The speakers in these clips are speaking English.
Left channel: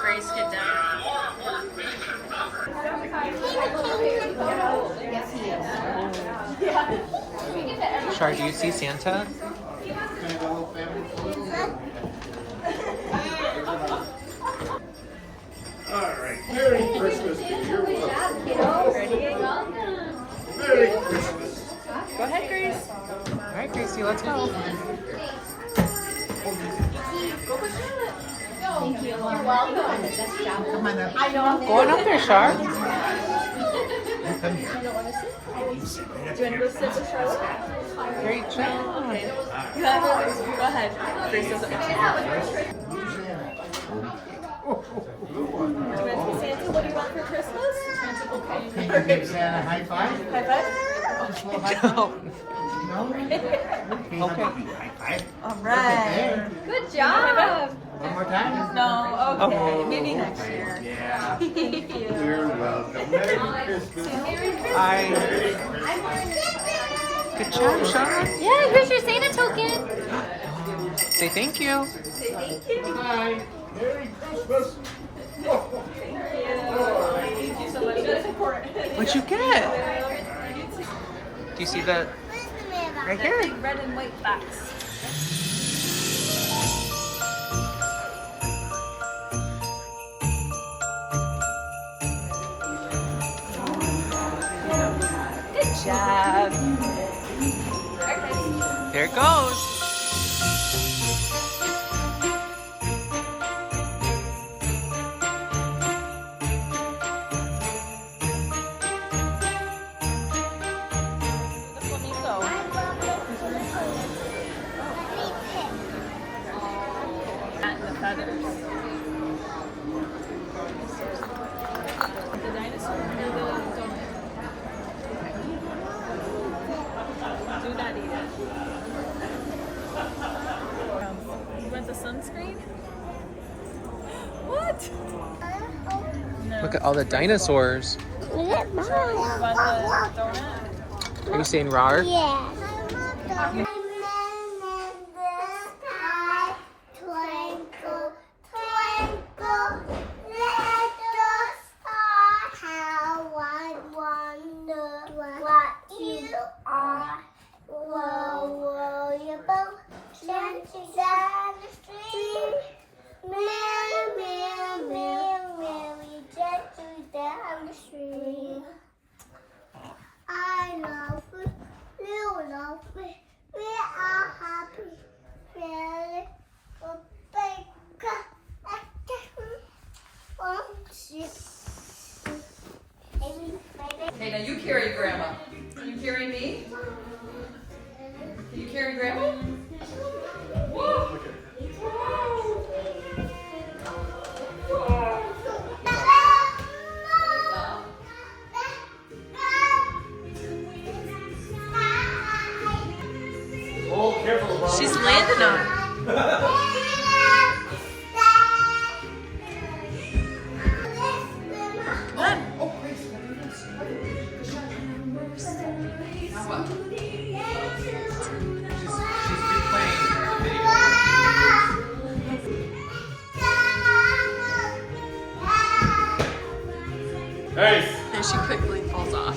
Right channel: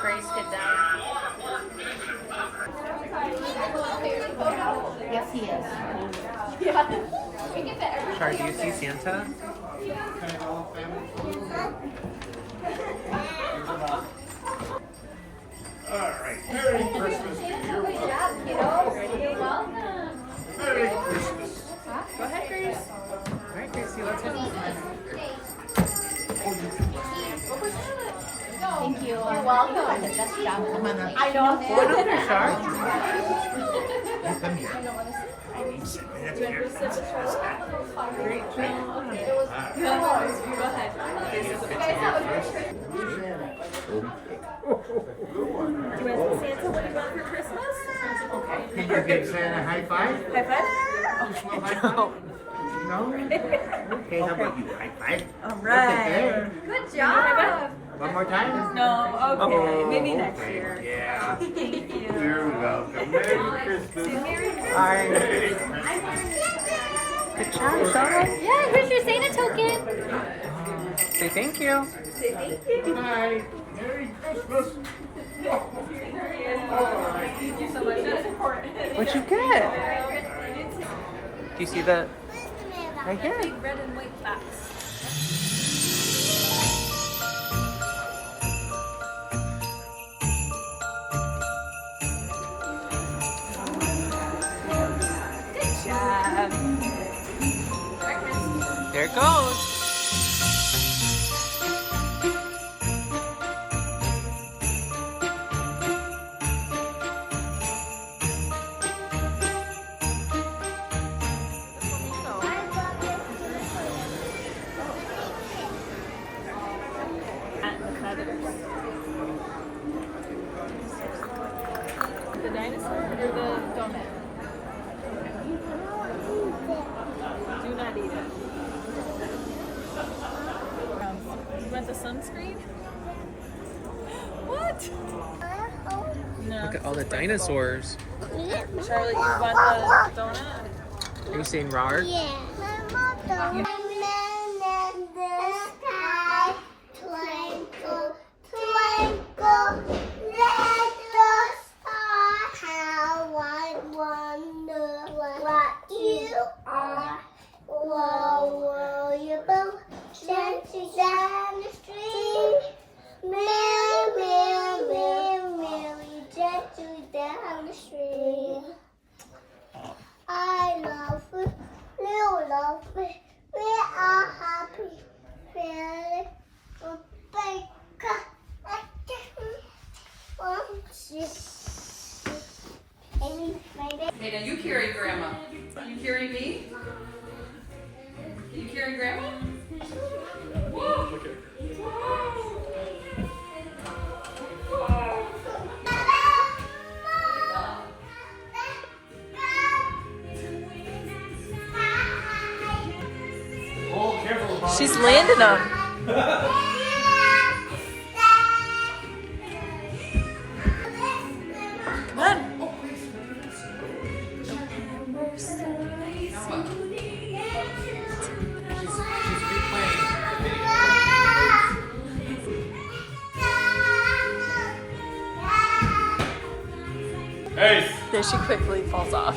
Grace, get down. Yes, he is. Shar, do you see Santa? Alright, Merry Christmas to you. Merry Christmas. Go ahead, Grace. Alright, Gracie, let's go. Thank you. You're welcome. Come on up. Go on up there, Shar. Come here. Sit right up here. Great job. Go ahead. Grace doesn't want to. Do you want to see Santa? What do you want for Christmas? Okay. Can you give Santa a high five? High five? Just a little high five? No? Okay, how about you? High five? All Look at right. there. Good job. One more time? No, okay. Oh. Maybe next year. Yeah. Thank you. You're welcome. Merry Christmas. Bye. Good job, Shar. Yeah, here's your Santa token. Say thank you. Good night. Merry Christmas. Thank you so much. That's important. What'd you get? Do you see that? Right here. Red and white facts. Good job. There it goes. And the feathers. The dinosaur or the donut? Do not eat it. You want the sunscreen? What? No. Look at all the dinosaurs. Charlotte, you want the donut? Are you saying rawr? Yeah. You- Twinkle, twinkle, little star, how I wonder what you are. Whoa, you both dancing down the street. Merry, merry, merry, merry, dancing down the street. I love you, you love me, we are happy, feeling big. Okay, now you carry Grandma. You carry me? You carry Grandma? Whoa. Oh, careful, Bob. She's landing them. Come on. She's replaying the video. Hey! Here she quickly falls off.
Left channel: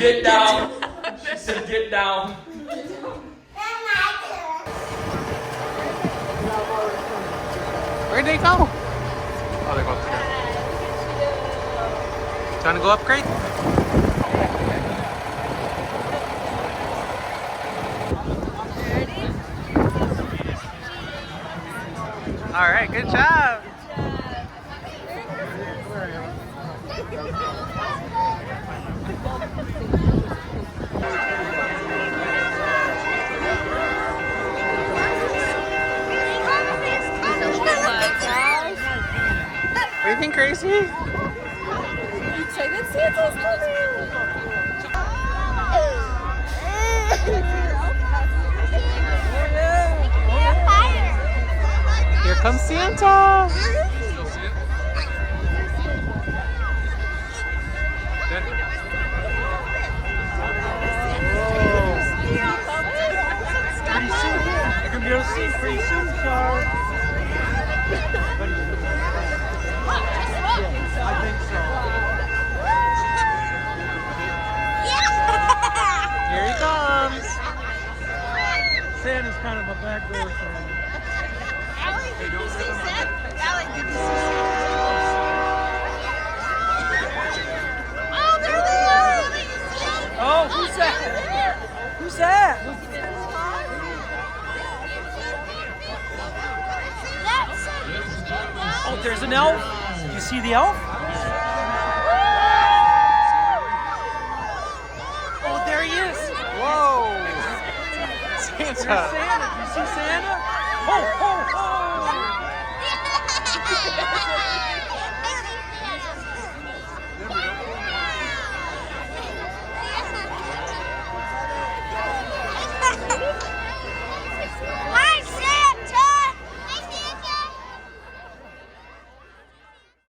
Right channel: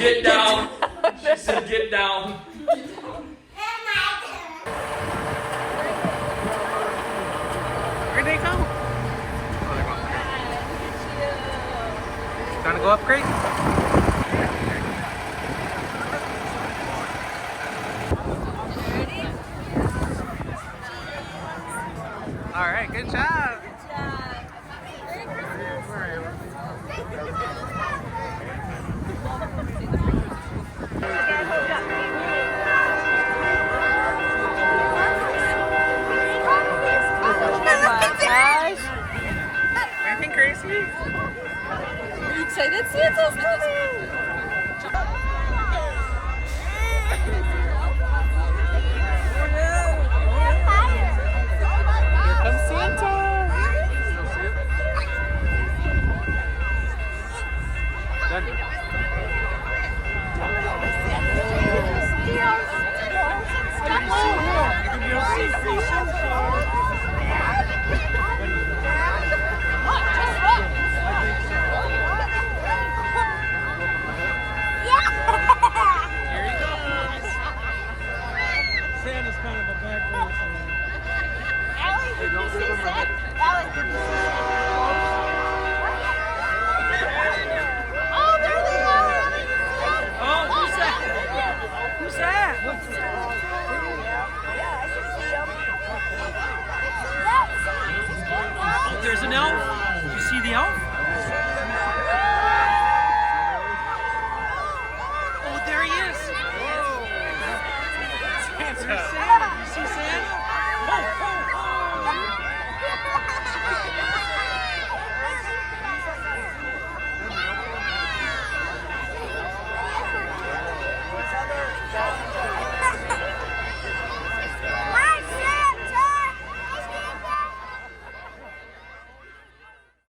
Get down. She said get down. Where'd they go? Oh, they're going upstairs. Trying to go up, Great? All right, good job. What do you think, Gracie? Are you excited? Santa's coming! Here comes Santa. Still see it? Denver. Here he comes. Santa's kind of a bad boy. Hey, don't give him a hit. Oh, there they are! Ellie, you see them? Oh, who's that? Who's that? That's Oh, there's an elf. You see the elf? Oh, there he is. Whoa. There's Santa. Santa. You see Santa? Oh,